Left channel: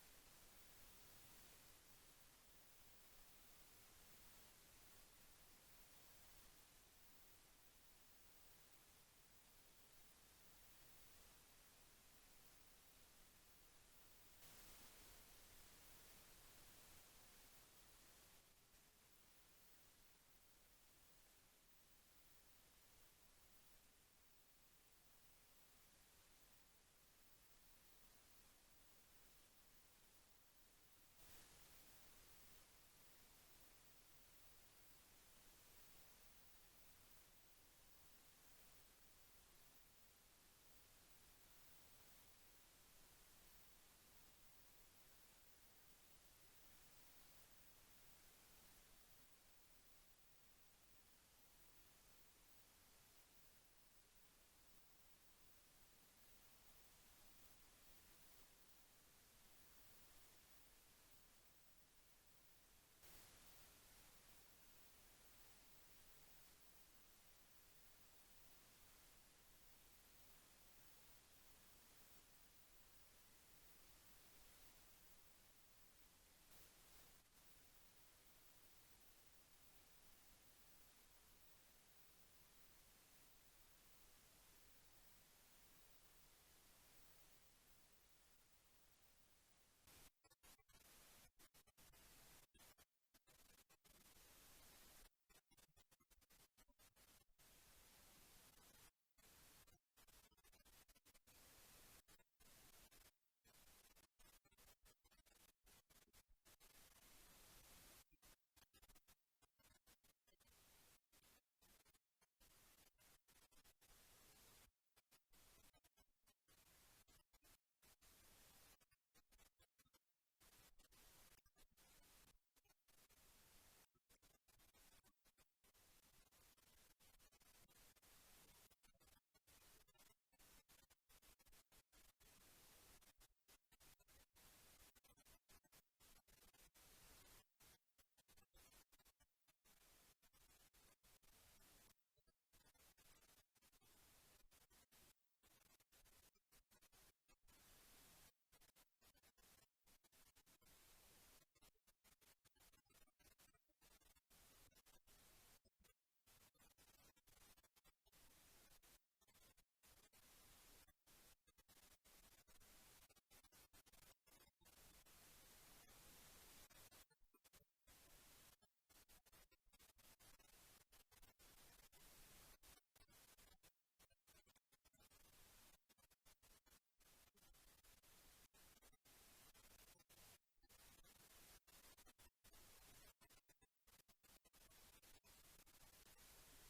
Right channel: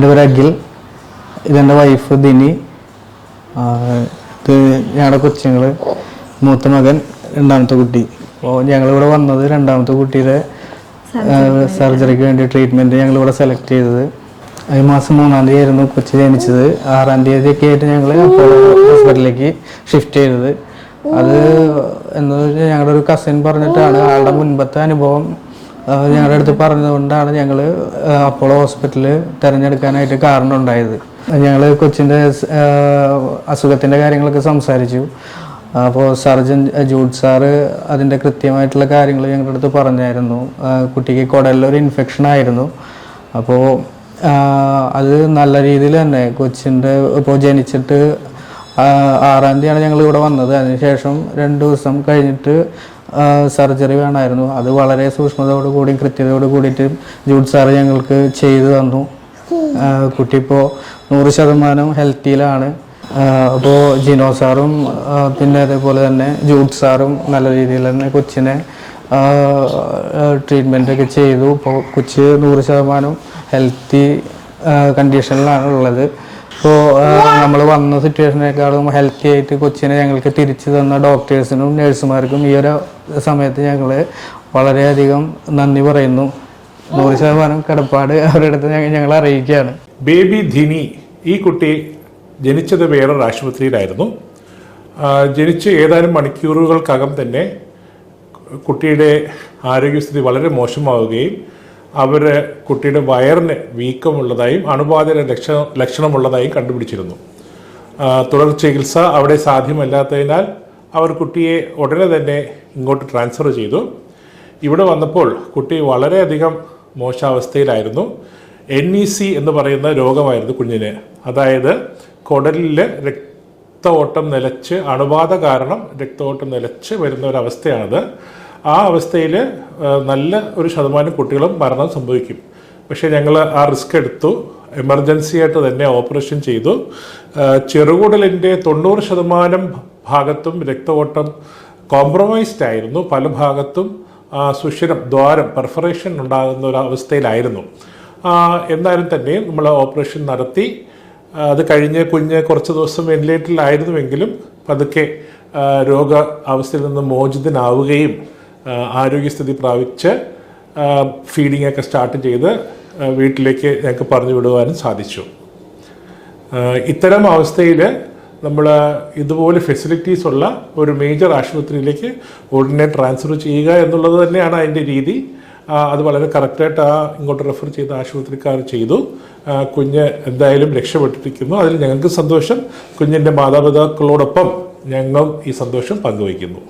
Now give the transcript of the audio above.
എൻ്റെ പേര് അഖിൽ, ഇതെൻ്റെ വൈഫ് ദിനി, ഇത് ഞങ്ങളുടെ കൊച്ചുങ്ങൾ, മൂത്ത മകൻ, രണ്ടാമത്തെ കുട്ടി. അപ്പോൾ ഞങ്ങളിവിടെ വന്നത് രണ്ടാമത്തെ കുട്ടിയുടെ സർജറിക്ക് വേണ്ടി ട്രീറ്റ്മെൻറ്റ് ഞങ്ങളിവിടെ സെലക്ട് ചെയ്തത്. ഈ മാസം 3-ാം തീയതി ആയിരുന്നു കൊച്ചു ജനിച്ചത്. 6-ാം തീയതിയൊക്കെ ആയിട്ട് ഞങ്ങൾ അപ്പോളോ ഹോസ്പിറ്റലിലേക്ക് ഷിഫ്റ്റ് ചെയ്തത്. അത് എന്താ വെച്ചാൽ ഞങ്ങളുടെ ഒരു കസിൻ പറഞ്ഞിട്ടാണ്, ആളുടെ മുൻപത്തെ അനുഭവം ഞങ്ങളുടെ അടുത്ത് പറഞ്ഞതുകൊണ്ടാണ് ഞങ്ങൾ അപ്പോളോ ഹോസ്പിറ്റൽ തിരഞ്ഞെടുക്കാനായിട്ട് കാരണം ഉണ്ടായത്. ഞങ്ങൾ കൊച്ചിൻ്റെ അസുഖത്തിൻ്റെ കാര്യങ്ങളൊക്കെ സംസാരിച്ചു. അപ്പോൾ സർജൻ ജൂഡ് സാറ് അതിൻ്റെ കൃത്യമായിട്ടുള്ള കാര്യങ്ങൾ ഞങ്ങളുടെ അടുത്ത് പറഞ്ഞായിരുന്നു. കുട്ടിക്ക് കുടലിലൊരു ഇൻഫെക്ഷൻ ആയിരുന്നു. അപ്പോൾ അത് നല്ല രീതിയിൽ തന്നെ കൊച്ചിൻ്റെ ഇപ്പോൾ ജനിച്ചിട്ട് 6-ാം തീയതിയാണ് ഞങ്ങൾ ഇവിടെ വന്നത്. അതിനുശേഷം 2 ദിവസം കഴിഞ്ഞിട്ട് സർജറി വേണമായിരുന്നു. അത് വളരെ സൂക്ഷ്മതയോടു കൂടിയും കൃത്യതയോട് കൂടിയിട്ട് ജൂഡ് സാറ് ഞങ്ങൾക്ക് ചെയ്തു തന്നു. കുട്ടി ഇപ്പോൾ 100% ഹെൽത്തിയിലാണ്. അപ്പോൾ ജിനോ സാറും പിന്നെ അതേപോലെ തന്നെ ജൂഡ് സാറും നല്ല രീതിയിൽ തന്നെ കൊച്ചിനെ ട്രീറ്റ്മെൻറ്റൊക്കെ ചെയ്തു. ഇപ്പോൾ കൊച്ച് 100% ഹെൽത്തി കണ്ടീഷനിലാണ് ഉള്ളത്. ഇപ്പോൾ നമ്മൾ വന്ന സിറ്റുവേഷനേക്കാളും ഹെൽത്തി ആയിട്ട് കൊച്ചിനെ ഞങ്ങൾക്ക് തിരിച്ചു തന്ന ഡോക്ടേഴ്സിനും നഴ്സുമാർക്കും ഈ ഒരു സമയത്ത് ഞങ്ങൾ വളരെയധികം നന്ദി പറയുന്നു. 100% കടപ്പാട് അവരുടെ അടുത്ത് ഞങ്ങൾ അറിയിക്കുകയാണ്. ബേബി ധിനി, ഈ കുട്ടി ജനിച്ചത് വേറൊരു ആശുപത്രിയിലായിരുന്നു. ജനിച്ച് ഏതാനും മണിക്കൂറുകൾക്കകം തന്നെ കുട്ടിയുടെ ആരോഗ്യസ്ഥിതി വളരെ മോശമാവുകയും കുട്ടിയുടെ വയറിന് വീക്കമുള്ളതായും അണുബാധയുടെ ലക്ഷണമുള്ളതായും കണ്ടുപിടിച്ചിരുന്നു. തുടർ ചികിത്സ അവിടെ സാധ്യമല്ലാത്തതിനാൽ അവർ കുട്ടിയെ ഉടനെ തന്നെ ഇങ്ങോട്ട് ട്രാൻസ്ഫർ ചെയ്തു. ഇവിടെ വന്നപ്പോൾ കുട്ടി വളരെയധികം മോശാവസ്ഥയിലായിരുന്നു. NEC എന്ന് പറയുന്ന രോഗമായിരുന്നു കുഞ്ഞിന്. അതായത് കുടലിൽ രക്തഓട്ടം നിലച്ച്, അണുബാധ കാരണം രക്തഓട്ടം നിലച്ച് വരുന്ന ഒരവസ്ഥയാണത്. ആ അവസ്ഥയിൽ നല്ല ഒരു ശതമാനം കുട്ടികളും മരണം സംഭവിക്കും. പക്ഷേ ഞങ്ങൾ ആ റിസ്ക് എടുത്തു. എമർജൻസി ആയിട്ട് തന്നെ ഓപ്പറേഷൻ ചെയ്തു. ചെറുകുടലിൻ്റെ 90% ഭാഗത്തും രക്തഓട്ടം കോംപ്രമൈസ്ഡ് ആയിരുന്നു. പല ഭാഗത്തും സുഷിരം, ദ്വാരം, പെർഫറേഷൻ ഉണ്ടാകുന്ന ഒരു അവസ്ഥയിലായിരുന്നു. എന്നാലും തന്നെ നമ്മൾ ഓപ്പറേഷൻ നടത്തി. അത് കഴിഞ്ഞ് കുഞ്ഞ് കുറച്ച് ദിവസം വെന്റിലേറ്ററിലായിരുന്നുവെങ്കിലും പതുക്കെ രോഗ അവസ്ഥയിൽ നിന്ന് മോചിതനാവുകയും ആരോഗ്യസ്ഥിതി പ്രാപിച്ച് ഫീഡിംഗ് ഒക്കെ സ്റ്റാർട്ട് ചെയ്ത് വീട്ടിലേക്ക് ഞങ്ങൾക്ക് പറഞ്ഞു വിടുവാനും സാധിച്ചു. ഇത്തരം അവസ്ഥയിൽ നമ്മൾ ഇതുപോലെ ഫെസിലിറ്റീസ് ഉള്ള ഒരു മേജർ ആശുപത്രിയിലേക്ക് ഉടനെ ട്രാൻസ്ഫർ ചെയ്യുക എന്നുള്ളത് തന്നെയാണ് അതിൻ്റെ രീതി. അത് വളരെ കറക്റ്റായിട്ട് ഇങ്ങോട്ട് റെഫർ ചെയ്ത ആശുപത്രിക്കാർ ചെയ്തു. കുഞ്ഞ് എന്തായാലും രക്ഷപ്പെട്ടിരിക്കുന്നു. അതിൽ ഞങ്ങൾക്ക് സന്തോഷം. കുഞ്ഞിൻ്റെ മാതാപിതാക്കളോടൊപ്പം ഞങ്ങൾ ഈ സന്തോഷം പങ്കുവയ്ക്കുന്നു.